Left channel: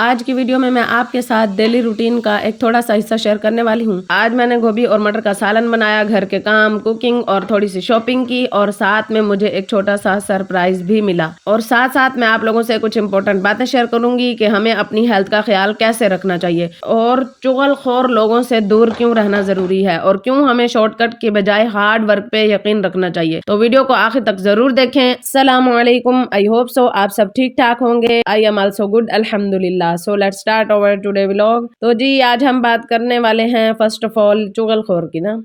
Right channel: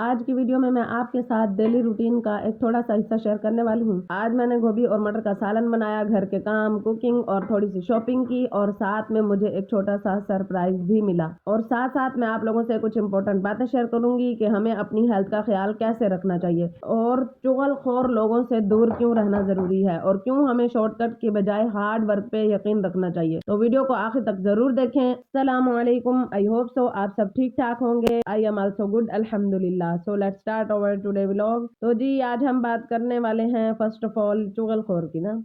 آج کی ویڈیو میں آپ کے ساتھ ڈیلی روٹین کا ایک تھوڑا سا حصہ شیئر کرنے والی ہوں۔ آج میں نے گوبھی اور مٹر کا سالن بنایا، گھر کے کام، کوکنگ اور تھوڑی سی شاپنگ کی، اور ساتھ میں مجھے ایک چھوٹا سا سرپرائز بھی ملا۔ اور ساتھ میں آپ لوگوں سے کچھ امپورٹنٹ باتیں شیئر کروں گی کہ ہمیں اپنی ہیلتھ کا خیال کیسے رکھنا چاہیے، اور چغل خور لوگوں سے دور کیوں رہنا ضروری ہے، اور کیوں ہمیں شارٹ کٹ کے بجائے ہارڈ ورک پہ یقین رکھنا چاہیے۔ تو ویڈیو کو آخر تک ضرور دیکھیں۔ السلام علیکم، آئی ہوپ سو آپ سب ٹھیک ٹھاک ہوں گے۔ آئی ایم آلسو گڈ، الحمدللہ۔ So let's start over today vlog. تو جی آج ہم بات کرنے والے ہیں فرسٹ آف آل چغل خور کی نا۔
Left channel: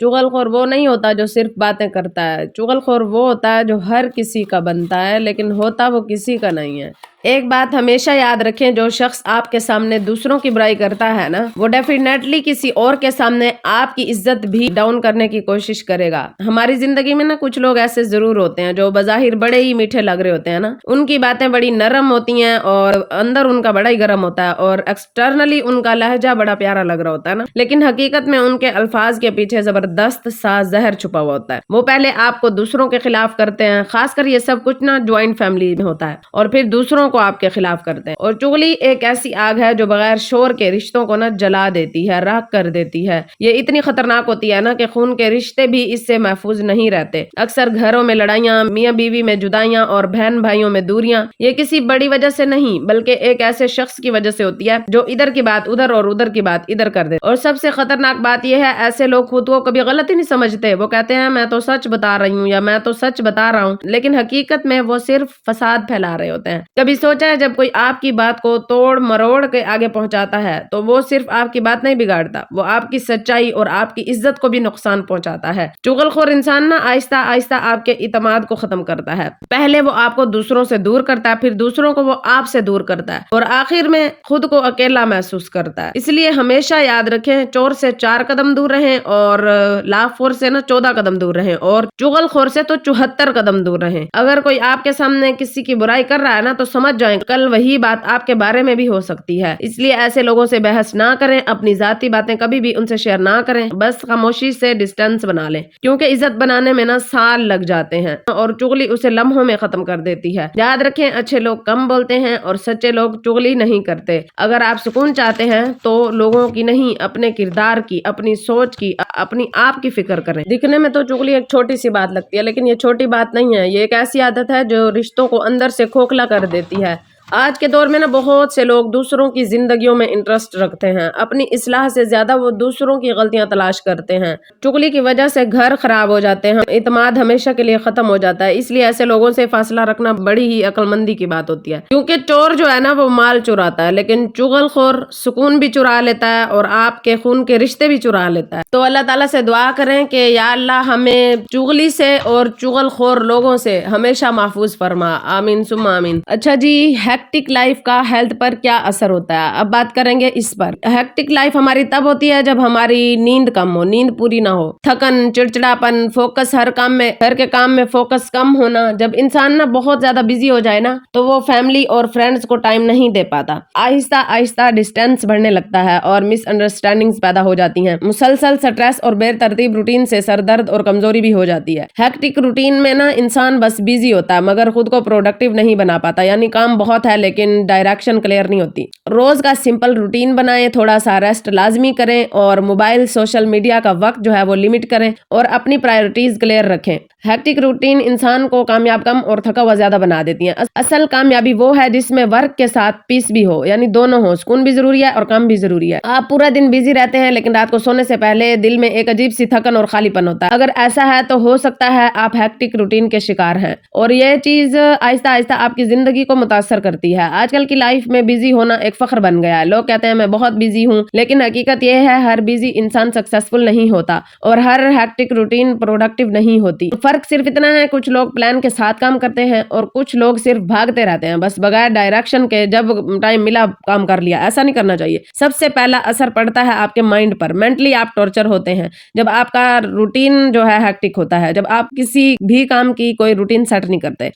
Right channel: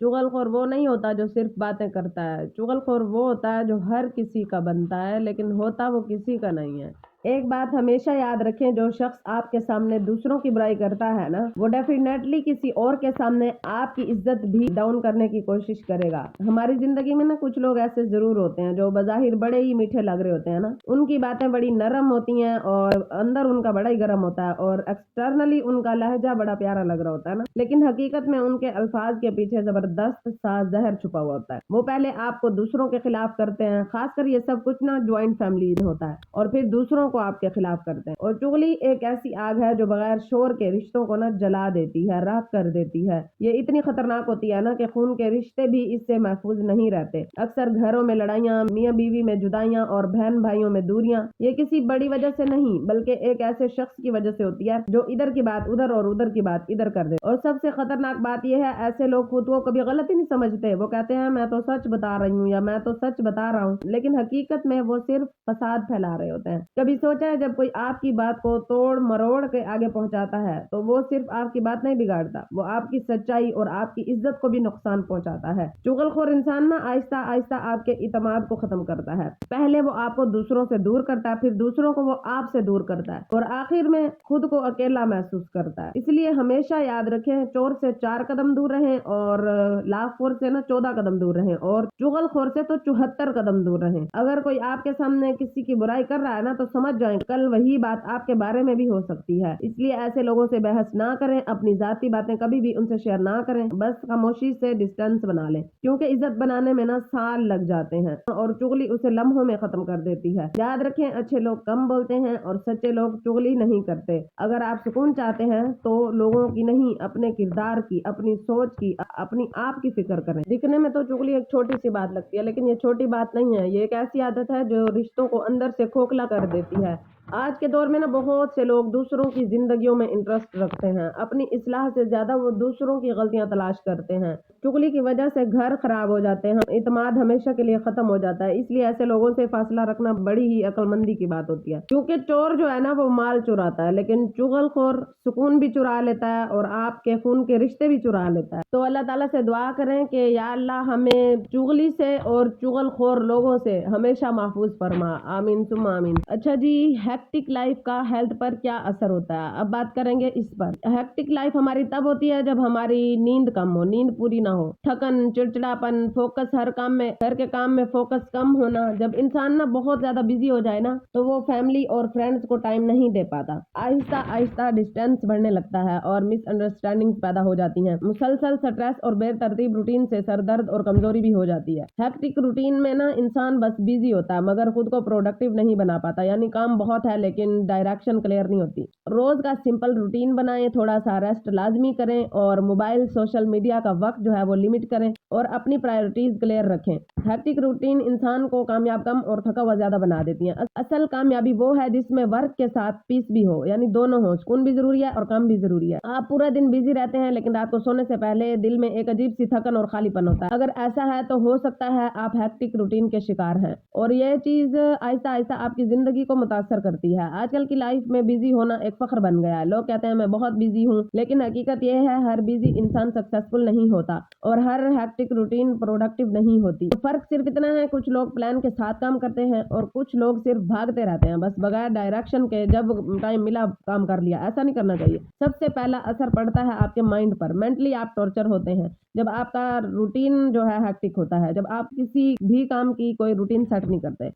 چغل خور وہ نہیں ہوتا جو صرف باتیں کرتا ہے، چغل خور وہ ہوتا ہے جو ہر کسی کا بنتا ہے لیکن ہوتا وہ کسی کا نہیں ہے۔ ایک بات ہمیشہ یاد رکھیں، جو شخص آپ کے سامنے دوسروں کی برائی کرتا ہے نا، وہ ڈیفینیٹلی کسی اور کے سامنے آپ کی عزت بھی ڈاؤن کرنے کی کوشش کرے گا۔ ہماری زندگی میں نا کچھ لوگ ایسے ضرور ہوتے ہیں جو بظاہر بڑے ہی میٹھے لگ رہے ہوتے ہیں نا، ان کی باتیں بڑی نرم ہوتی ہیں اور اندر ان کا بڑا ہی گرم ہوتا ہے، اور ایکسٹرنلی ان کا لہجہ بڑا پیارا لگ رہا ہوتا ہے نا، لیکن حقیقت میں ان کے الفاظ کے پیچھے زبردست سا زہر چھپا ہوا ہوتا ہے۔ وہ پہلے آپ کو دوسروں کے خلاف کرتے ہیں، خاص کر یہ سب کچھ نا جوائنٹ فیملی میں ہوتا ہے، اور پھر دوسروں کو آپ کے خلاف کرتے ہیں۔ اور چغلی ایک ایسی آگ ہے جو بغیر شور کے رشتوں کو نا جلا دیتی ہے، راکھ کر دیتی ہے۔ یہ اتنی خطرناک ہوتی ہے نا کہ خون کے رشتے بھی اس سے محفوظ نہیں رہتے۔ اکثر گھروں میں لڑائیاں، میاں بیوی میں جدائیاں اور بہن بھائیوں میں دوریاں، یہ کسی بڑی وجہ سے نہیں بلکہ ایک ایسے شخص کی وجہ سے ہوتی ہے جو ادھر کی بات ادھر اور ادھر کی بات ادھر کر دے۔ اور سب سے خطرناک بات یہ ہے، ایسے لوگ خود کو کبھی غلط ہی نہیں سمجھتے۔ وہ کہتے ہیں میں تو سچ بتا رہی ہوں یا میں تو سچ بتا رہا ہوں، لیکن حقیقت میں وہ صرف فساد پھیلا رہے ہوتے ہیں۔ کبھی سوچا ہے جب کوئی آپ کی بات کو توڑ مروڑ کے آگے پہنچاتا ہے تو وہ صرف آپ کی بات نہیں بگاڑتا، وہ آپ کی سچائی اور آپ کی عزت کو بھی نقصان پہنچاتا ہے۔ چغل خور انسان نا آہستہ آہستہ آپ کے اعتماد کو ختم کرتا ہے۔ پہلے وہ آپ کو دوسروں سے دور کرتا ہے، پھر دوسروں کو وہ آپ سے دور کرتا ہے، اور آخر میں خود کو اکیلا محسوس کرتا ہے۔ اس لیے ہمیشہ یاد رکھیں، چور سے 4 قدم دور رہیں، اور لاف خور سے نا 14 قدم دور رہیں، اور چغل خور سے تو 74 قدم دور رہیں۔ اگر کوئی آپ کے سامنے کسی کی برائی کر رہا ہے نا تو سمجھ جائیں کل وہی بات آپ کے بارے میں بھی ہو سکتی ہے۔ اس لیے ایسے لوگوں سے بحث نہ کریں، اپنی ذاتی باتیں کبھی بھی ان سے شیئر نہ کریں، بس خاموشی سے ڈسٹینس بنا لیں، کیونکہ عزت بنانے میں نا سال لگ جاتے ہیں اور چغلی اسے لمحوں میں ختم کر دیتی ہے۔ یاد رکھیں، اچھے لوگ کم بولتے ہیں اور سچے لوگ چغلی نہیں کرتے۔ اگر آپ سکون چاہتے ہیں تو لوگوں کی نہیں، اپنے کردار کی، اپنی سوچ کی، اپنی آپ کی فکر کریں۔ دکھنے میں تو چغلی ایک چھوٹی سی بات لگتی ہے، لیکن یہ چھوٹی بات نہیں ہے، یہ ایک ایسی عادت ہے جو رشتوں کو اندر سے کھوکھلا کر دیتی ہے۔ آج کے دور میں نا بہت سے لوگ دوسروں کی زندگیوں میں انٹرسٹ رکھتے ہیں، اپنی اصلاح سے زیادہ وہ دوسروں کی غلطیاں تلاش کرتے ہیں۔ چغلی کی وجہ سے گھر خراب ہو جاتے ہیں، اعتماد ہمیشہ کے لیے ختم ہو جاتا ہے۔ اس لیے ایسے لوگوں سے فاصلہ رکھنا بڑی ہی عقل مندی کی بات ہوتی ہے، کیونکہ چور جو ہے نا وہ مال چراتا ہے، لیکن چغل خور سکون بھی چرا لیتا ہے اور آپ کے خون کے رشتے بھی چرا لیتا ہے۔ تو اللہ تعالیٰ سے دعا کریں کہ یا اللہ ہمیں چغلی سے اور چغل خور لوگوں سے ہمیشہ محفوظ فرما، آمین ثم آمین۔ اچھا جی، ہیکٹک لائف کا ہیلتھ پر کیا اثر ہوتا ہے، اب بات کریں گے اس پر۔ ہیکٹک لائف ہماری تب ہوتی ہے جب ہماری نیند کم ہو، نیند پوری نہ ہو، تھکن، چڑچڑاپن، فوکس ہر کام میں، گھر کے کام میں فوکس کم ہونا۔ جب انسان نا بہت زیادہ بزی ہو جائے نا تو وہ فیملی اور فرینڈز کو ٹائم نہیں دے پاتا، آہستہ آہستہ ڈسٹینس بڑھنے لگتا ہے اور مس انڈرسٹینڈنگز پیدا ہو جاتی ہیں۔ مسلسل سٹریس اور بے ترتیب روٹین سے سر درد اور کمزوری بھی ہو جاتی ہے۔ ہیکٹک روٹین میں نا انسان بس بزی ہوتا ہے مگر خود کو پروڈکٹیو نہیں بنا پاتا، یعنی کام بہت ہے لیکن ڈائریکشن کلیئر نہیں ہوتی۔ روز کا سمپل روٹین بنائیں، تھوڑا سا ریسٹ لازمی کریں، اور موبائل سوشل میڈیا کا وقت جو ہے وہ لمٹ کریں، اور اپنی پرائورٹیز کلیئر رکھیں۔ ہیکٹک روٹین انسان کو کامیاب کم اور تھکا ہوا زیادہ بنا دیتی ہیں۔ اصل کامیابی وہ ہے جس میں ورک کے ساتھ پیس بھی ہو، یعنی دونوں ہو، سکون بھی ضروری ہے اور کام بھی ضروری ہے۔ آپ پورا دن بزی رہتے ہیں لیکن رات کو سونے سے پہلے دل میں ایک عجیب سی تھکن اور خالی پن ہوتا ہے، اگر ایسا ہے تو ہو سکتا ہے آپ ہیکٹک روٹین کے شکار ہیں، اور یہ چیز آہستہ آہستہ آپ کی زندگی کو متاثر کرتی ہے۔ آج کل کی لائف میں بزی ہونا ایک فخر بن گیا ہے، لوگ کہتے ہیں میں بہت بزی ہوں، لیکن حقیقت یہ ہے ہر بزی انسان سکسیسفل نہیں ہوتا اور ہر ہیکٹک روٹین پروڈکٹیو نہیں ہوتی۔ فرق صرف اتنا ہے، کچھ لوگ پلان کے ساتھ کام کرتے ہیں اور کچھ لوگ صرف بھاگتے رہتے ہیں، بس بغیر ڈائریکشن کے، جب ٹائم ملا کام کر لیا۔ ایسا نہیں کرنا چاہیے۔ سب سے پہلا اثر پڑتا ہے آپ کے مائنڈ پر، مینٹلی آپ ٹارچر ہوتے ہیں جب آپ کا روٹین جو ہے ہیکٹک ہوتا ہے۔ جب آپ کسی بھی کام کی کوئی روٹین سیٹ نہیں کرتے